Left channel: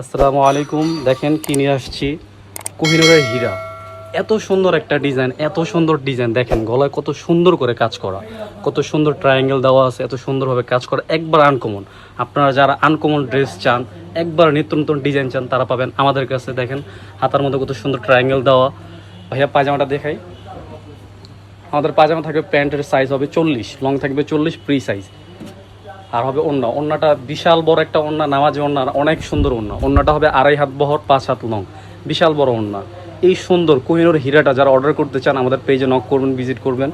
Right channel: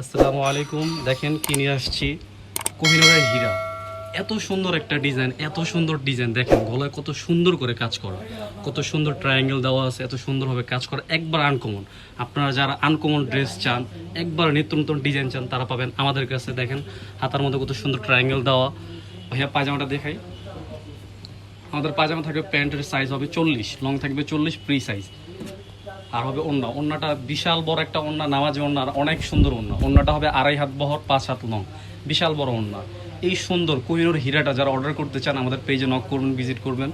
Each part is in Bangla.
আসসালামু আলাইকুম। দেখেন কি নিয়ে আসছি, কোহিনূরের হীরা। এত সুন্দর একটা ডিজাইন, এত সুন্দর ডিজাইন। দেখেন গলায় কত সুন্দর করে কাজ করা, কত সুন্দর ট্রায়াঙ্গেল দেওয়া আছে, এত সুন্দরভাবে কাজ করা, একবার আনকমন। আপনারা যারা আনকমন ড্রেস চান, একবার নিত্য নতুন ডিজাইন চান, তারা পাবেন আমাদের কাছে। দেখেন হাতার মধ্যে কত সুন্দর ট্রায়াঙ্গেল দেওয়া। ভাইয়া পায়জামাটা দেখাই। আমাদের পায়জামা থাকবে, প্যান্টের সাইজ হবে 40, লং থাকবে 40 ফ্রি সাইজ। আর হবে ওড়না, ওড়নাটা বিশাল বড় একটা ওড়না, নামাজি ওড়না, অনেক সুন্দর ওড়না। ওড়নাটা হবে 2.5 হাত বহর, 5 হাত লং, বিশাল বড় ওড়না। এই সুন্দর কোহিনূর হীরাটা যারা অর্ডার করতে চান, আমাদের পেজে নক করবেন, ভিজিট করবেন।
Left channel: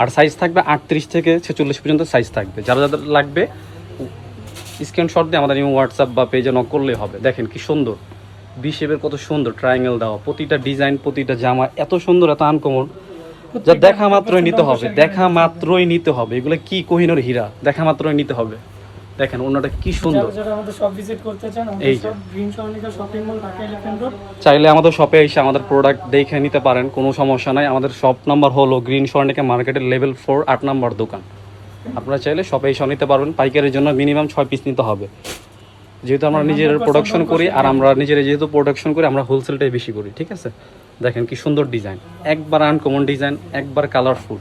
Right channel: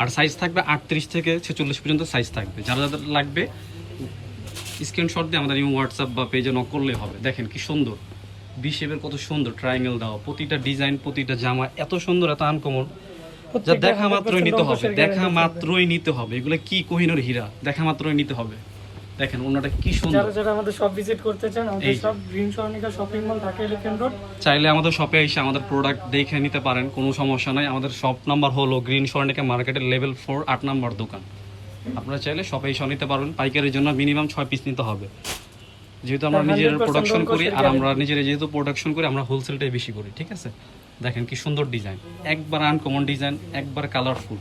আর সাইজ থাকবে 38 থেকে 46 পর্যন্ত সাইজ থাকবে। যারা যাদের লাগবে স্ক্রিনশট দিয়ে আমাদের হোয়াটসঅ্যাপ বা পেজে নক করলেই হবে। দেখেন কি সুন্দর, বি শেপের কত সুন্দর ট্রায়াঙ্গেল দেওয়া, প্রতিটা ডিজাইন, প্রতিটা জামা এত সুন্দর, এত আনকমন, যা দেখা মাত্রই নিতে হবে, দেখা মাত্রই নিতে হবে। এগুলো কি কোহিনূর হীরা, দেখা মাত্রই নিতে হবে। দেখেন অন্যটা কি সুন্দর। যারা আমাদের শপ ভিজিট করতে চান, আমাদের সব গ্রিন সরণিকা shopping mall, Dhaka elephant road. চাইলে আমাদের শপে এসে আমাদের প্রোডাক্ট দেখে নিতে পারেন, কোনো সমস্যা নাই। আমাদের শপ নাম্বার হলো গ্রিন সরণিকা মার্কেটের লেভেল 4, 8 নম্বর দোকান। আপনারা চাইলে শপে এসে নিতে পারবেন। পাইকারের জন্য মিনিমাম 6 পিস নিতে হবে, যেহেতু আমরা নিজের প্রোডাকশন করি। আর আমরা নিজেরা যেহেতু প্রোডাকশন করি, আমরা হোলসেলটাই বেশি করি, ঠিক আছে। দেখেন কি সুন্দর ডিজাইন, একবার আনকমন ডিজাইন, একবার কালারফুল।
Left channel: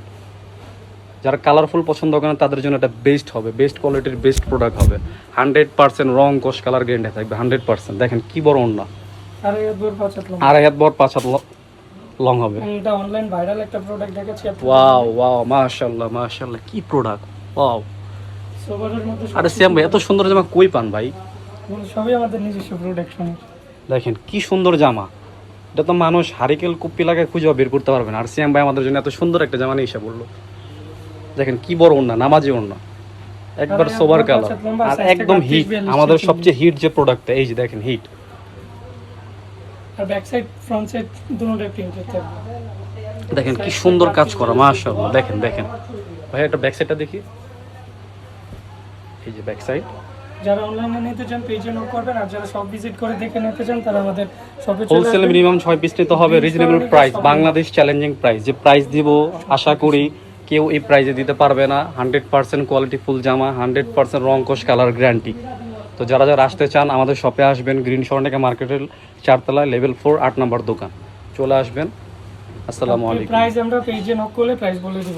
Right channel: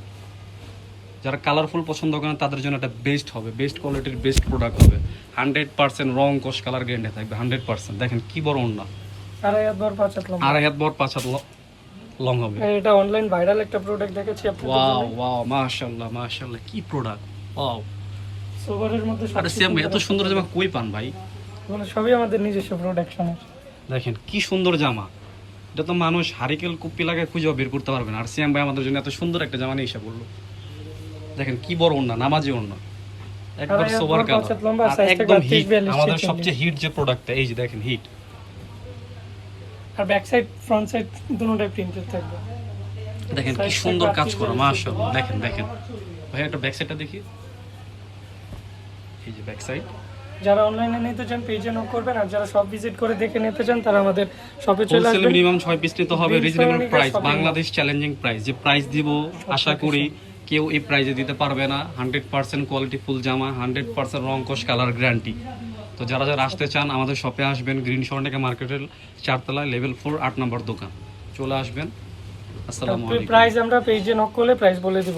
যারা কালারফুল পছন্দ করেন তাদের জন্য এটা বেস্ট হবে, বেস্ট কোয়ালিটির বেস্ট প্রোডাক্ট হবে। 100% রং কোষ কালার গ্যারান্টি থাকবে 100%। দেখেন কি বড় ওড়না, 2.5 হাত বড়, 5 হাত লম্বা। 2.5 হাত বড়, 5 হাত লং হবে। এটা অনলাইন ভাইরাল একটা প্রোডাক্ট দেখেছি আপনাদের। ওয়াও ওয়াও, মাশাআল্লাহ মাশাআল্লাহ, কি প্রোডাক্ট, ওয়াও। সোভারের মধ্যে আরে সিয়াম ভাই, এত সুন্দর জামা কই পান ভাই? এগুলো সবই আমাদের নিজস্ব প্রোডাকশন। দেখেন কি সুন্দর জামা, এটা তো মানুষ হারিকেল কুপ্পি লাগায় খুঁজেও বের করতে পারবে না। আর সিয়াম ভাই আমাদের জন্য এত সুন্দর একটা জামা নিয়ে এসে বললো। দেখেন কি বড় ওড়না, নামাজি ওড়না, একবার সোবার কালার, আর একদম হিট। আমাদের সবচেয়ে হিট যে প্রোডাক্টটা, এই যে দেখেন হিট। আর ব্যাক সাইড ফ্রন্ট সাইড দুটোটাই প্রিন্টেড থাকবে। দেখেন কি সুন্দর কাজ করা, মাশাআল্লাহ। দেখেন দেখেন ভাই, একটা ব্যাক সাইডটা দেখি। এই যে ব্যাক সাইড। যারা অনলাইনে নিতে চান পেজে নক করবেন, আর যারা শপ ভিজিট করে দেখে নিতে চান তারা আমাদের শপে চলে হোলসেলে আসবেন। মিনিমাম 6 পিস নিতে হবে, reasonable price, Bangladesh challenging price. যে প্রাইস দিব আশা করি কেউ এই প্রাইসে দিতে পারবে না। 100% কোয়ালিটি ফুল জামা, 100% রং কোষ কালার গ্যারান্টি। তো যারা যারা আসতে চান আমাদের শপে আসবেন, গ্রিন সরণিকা মার্কেটের 4 তলায় লেভেল 4, 8 নম্বর দোকান। চলে আসবেন। আসসালামু আলাইকুম। প্রাইস আমরা পেজে নক করলে প্রাইস বলে দিব।